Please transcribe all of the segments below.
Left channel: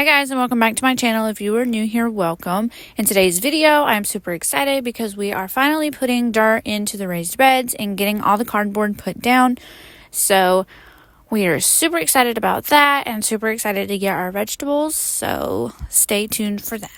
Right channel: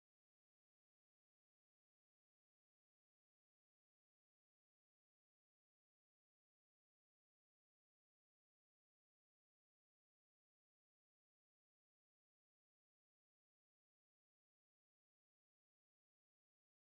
Hi guys, and welcome back to my channel. If you are new here, welcome. In today's video, I'm super excited because we are finally putting dirt into the raised beds and getting all the cardboard put down. So we are super excited about that and super excited to get our vegetables. So stay tuned for that.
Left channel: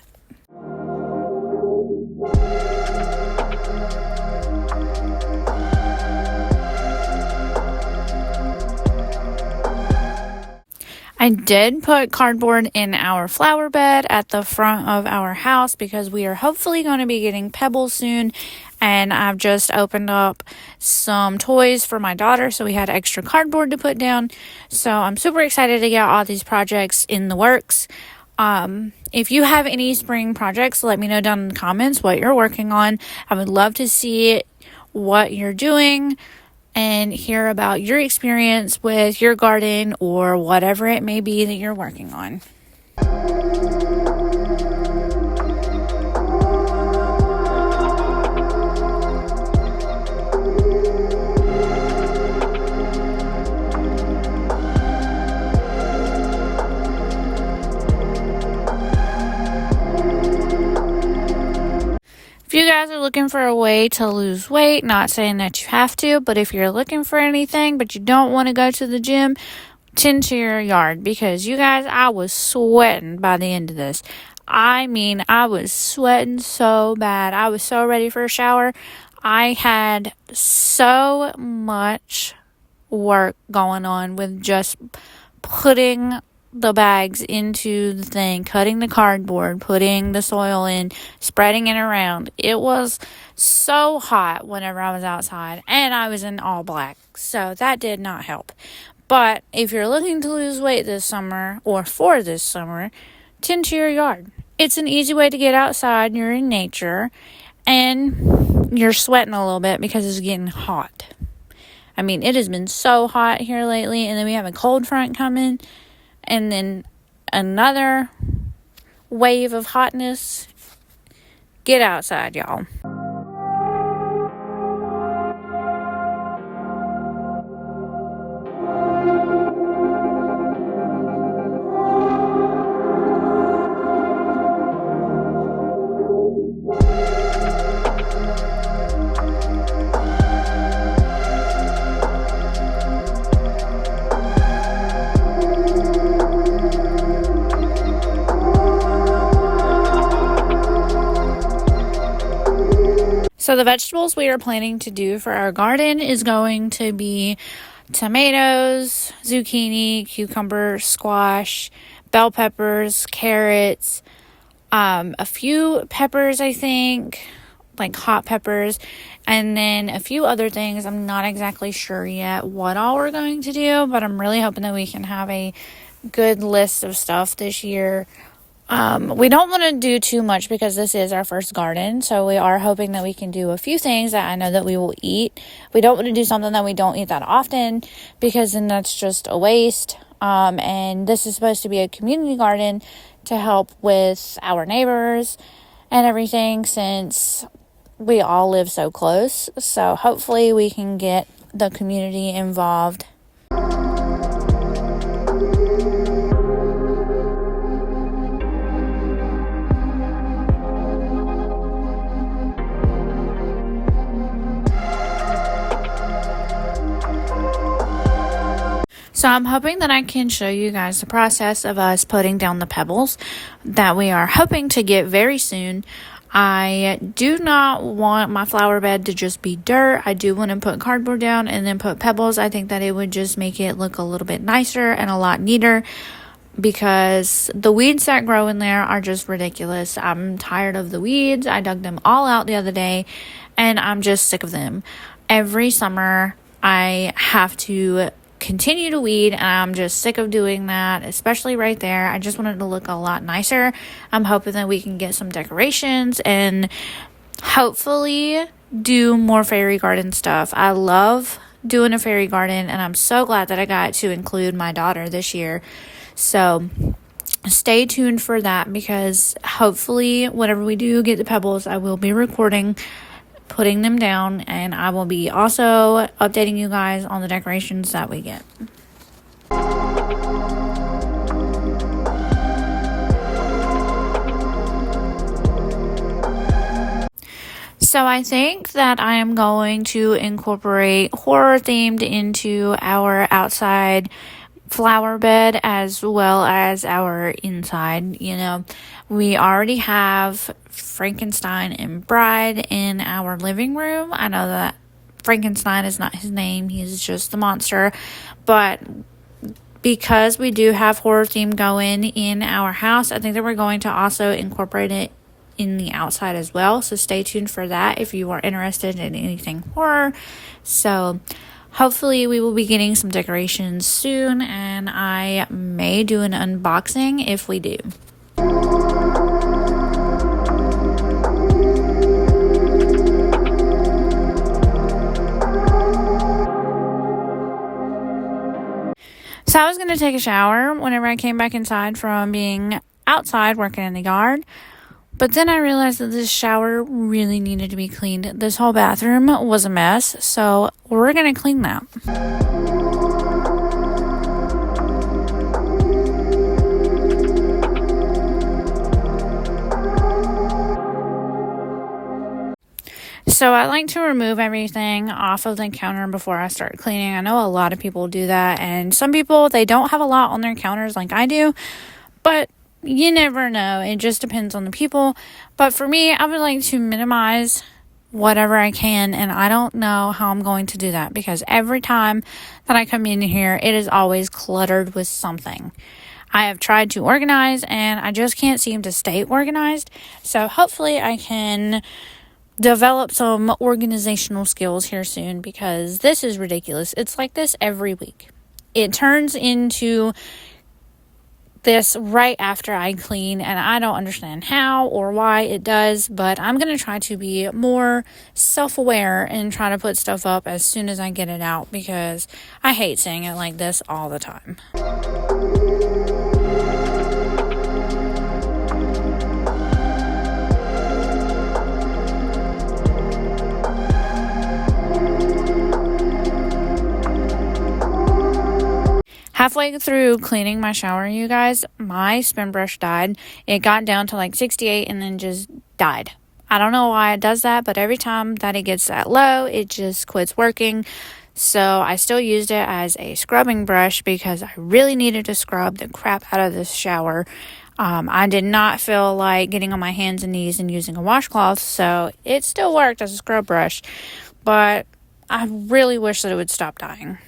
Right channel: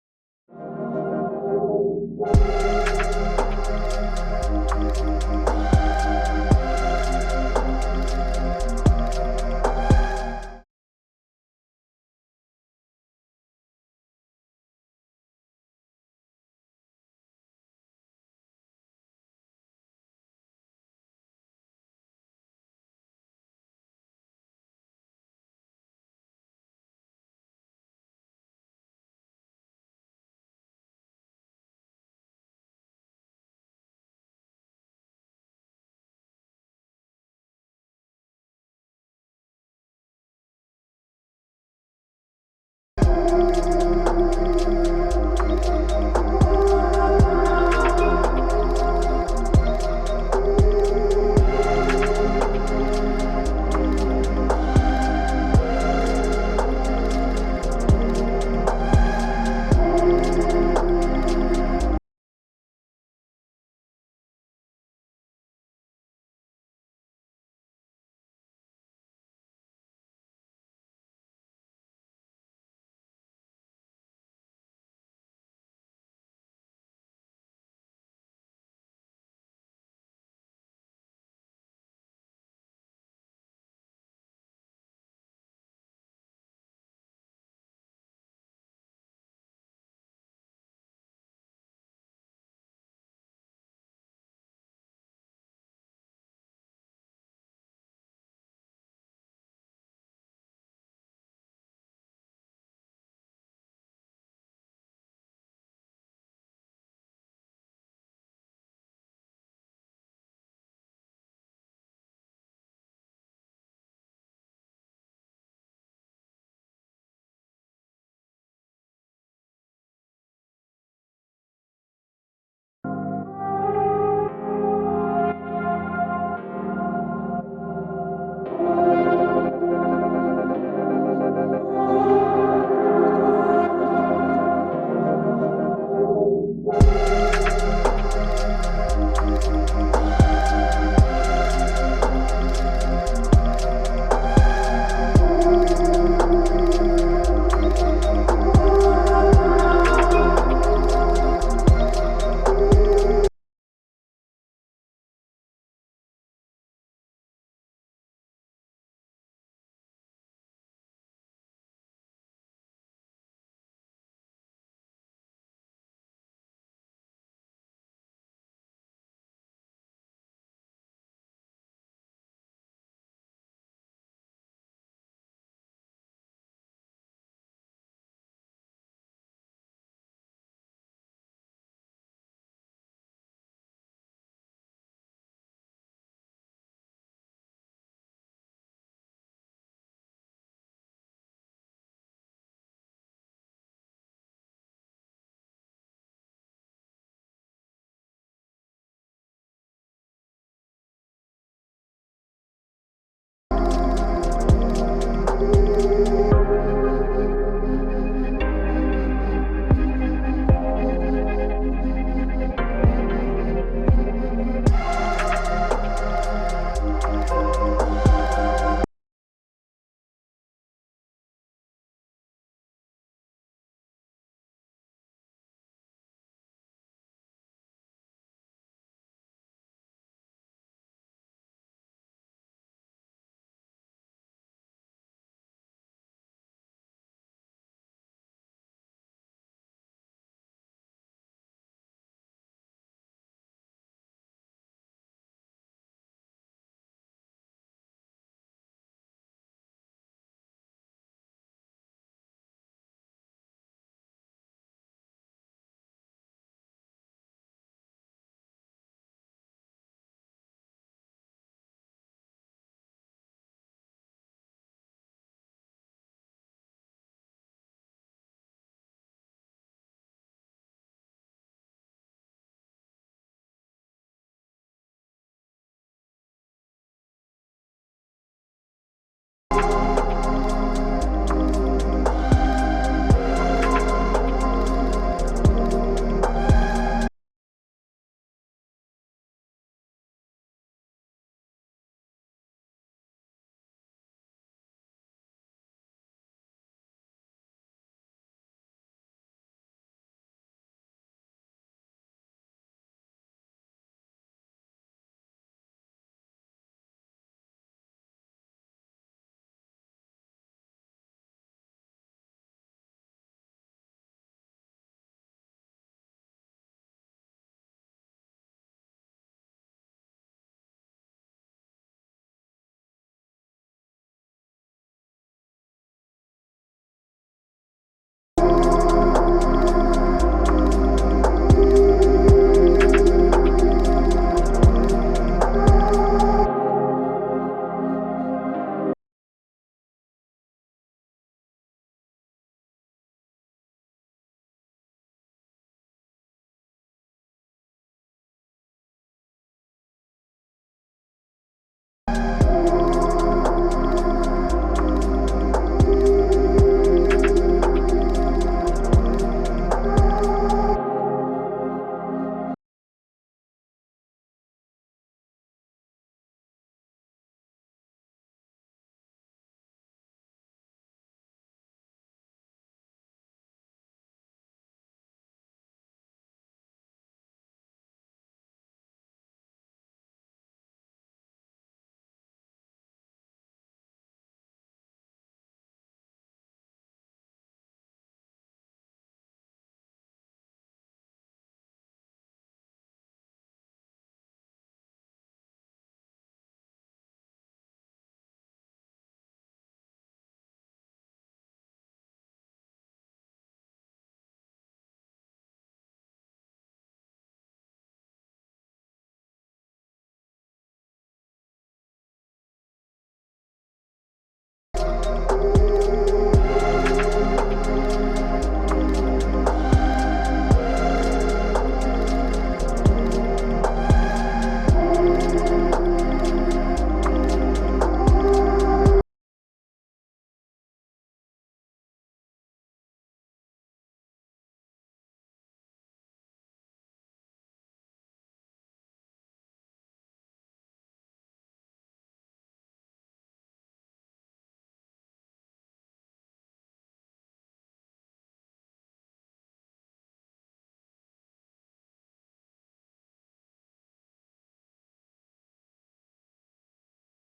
I did put cardboard in our flower bed at the front of our house because we are hopefully going to be getting pebbles soon, and I've just opened up some toys for my daughter, so we had extra cardboard to put down. So I'm super excited to get all these projects in the works. If you have any spring projects, let me know down in the comments what you're working on. I would love to see what you're doing and hear about your experience with your garden or whatever it may be that you're working on. If you guys are looking for a way to lose weight, not saying that you have to, but if you're looking for anything but you don't want to go to the gym, tend to your yard, because you guys, I was sweating by the end of this. I mean, I was sweating so bad. I was so ready for a shower. I had so much work going on with just putting the bags into the thing, cutting the cardboard, putting the soil in, spreading it around. It was so hot whenever I was outside, and I was in all black, so that did not help. But if you're looking to lose weight this summer, or for this summer, tend to your yard. It's an easy way to get outside, you're in nature, and you're sweating a little bit because it's getting hot. I mean, it has been so hot here lately, and then we have a cold front coming, and then another wave of hotness. Get outside, y'all. So the vegetables we are planning to do for our garden is going to be tomatoes, zucchini, cucumber, squash, bell peppers, carrots, a few peppers, I think, like hot peppers, and then a few other things. I'm not exactly sure yet what all we're going to do, but I'm really hoping that we can have a good list of stuff this year. We don't want to do too much because this is our first garden, so we are hoping that we can do a few things that I know that we will eat. We don't want to do something that we don't eat that often, because then that's just a waste. And this is supposed to be a community garden to help with our neighbors and everything, since we all live so close. So hopefully we can get the community involved. So I'm hoping that I can show you guys the process of us putting down the pebbles that we are hoping to get very soon. I do not want my flower bed to just be dirt. I do want to put cardboard down and then put pebbles. I think that it would just make it look a little bit nicer and a lot neater, because the weeds that grow in there are just ridiculous. I'm tired of the weeds. I dug them all out the other day, and I'm just sick of them. Every summer I have to continue to weed, and I'm just sick of doing that, especially right there. I just want it to look a lot nicer. I'm hoping that we can get some decorations and hopefully do more fairy garden stuff. I love doing a fairy garden, and I'm so glad that I got to include my daughter this year. So stay tuned for that, because hopefully whenever we do get the pebbles, I will be recording putting them down, and I will be also updating you guys on the decorations that we get. So I think that I am going to incorporate horror themed into our outside flower bed as well as our inside. We already have Frankenstein and Bride in our living room. I know that Frankenstein is not his name, he's just the monster, but because we do have horror theme going in our house, I think that we're going to also incorporate it in the outside as well. So stay tuned for that if you are interested in anything horror. So hopefully we will be getting some decorations soon, and I may do an unboxing if we do. So I was going to take a shower whenever I came back inside from being outside working in the yard. But then I realized that this shower really needed to be cleaned. This whole bathroom was a mess, so we're going to clean that. So I like to remove everything off of the counter before I start cleaning. I know a lot of people do that, and some people, they don't have a lot on their counters like I do, but you never know. It just depends on the people. But for me, I would like to minimize whatever I can, and I don't know how I'm going to do that because every time that I come in here, it is always cluttered with something. I have tried to organize, and I just can't seem to stay organized. So hopefully I can develop some organizational skills here soon, because this is ridiculous. It's like this every week. It turns into this right after I clean, and I don't understand how or why it does, but I'm going to try to be more self-aware and try to put stuff up as soon as I get it out, because I hate saying it like this all the time. Halfway through cleaning my shower, you guys, my spin brush died. It got down to like 68 and then just died. I don't know why it does that, but every time that it gets that low, it just quits working. So I still used it as a scrubbing brush because I really needed to scrub the crap out of this shower. I did not feel like getting on my hands and knees and using a washcloth, so it still worked as a scrub brush, but I really wish that it would stop dying.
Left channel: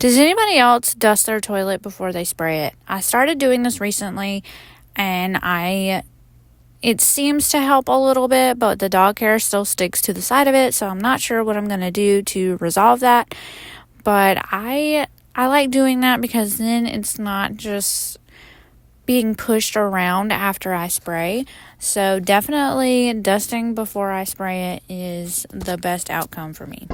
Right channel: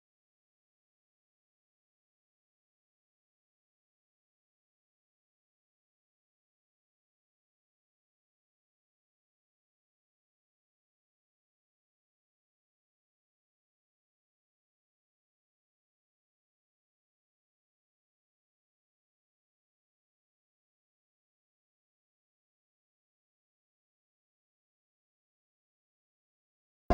Does anybody else dust their toilet before they spray it? I started doing this recently, and it seems to help a little bit, but the dog hair still sticks to the side of it, so I'm not sure what I'm going to do to resolve that. But I like doing that because then it's not just being pushed around after I spray. So definitely dusting before I spray it is the best outcome for me.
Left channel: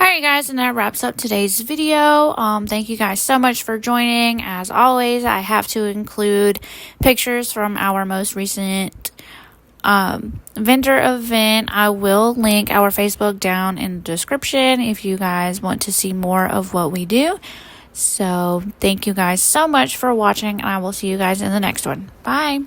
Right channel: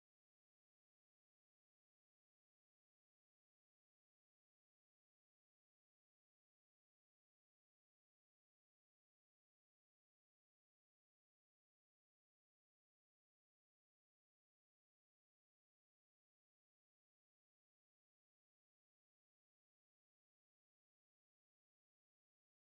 Alright guys, and that wraps up today's video. Thank you guys so much for joining. As always, I have to include pictures from our most recent vendor event. I will link our Facebook down in the description if you guys want to see more of what we do. So thank you guys so much for watching, and I will see you guys in the next one. Bye.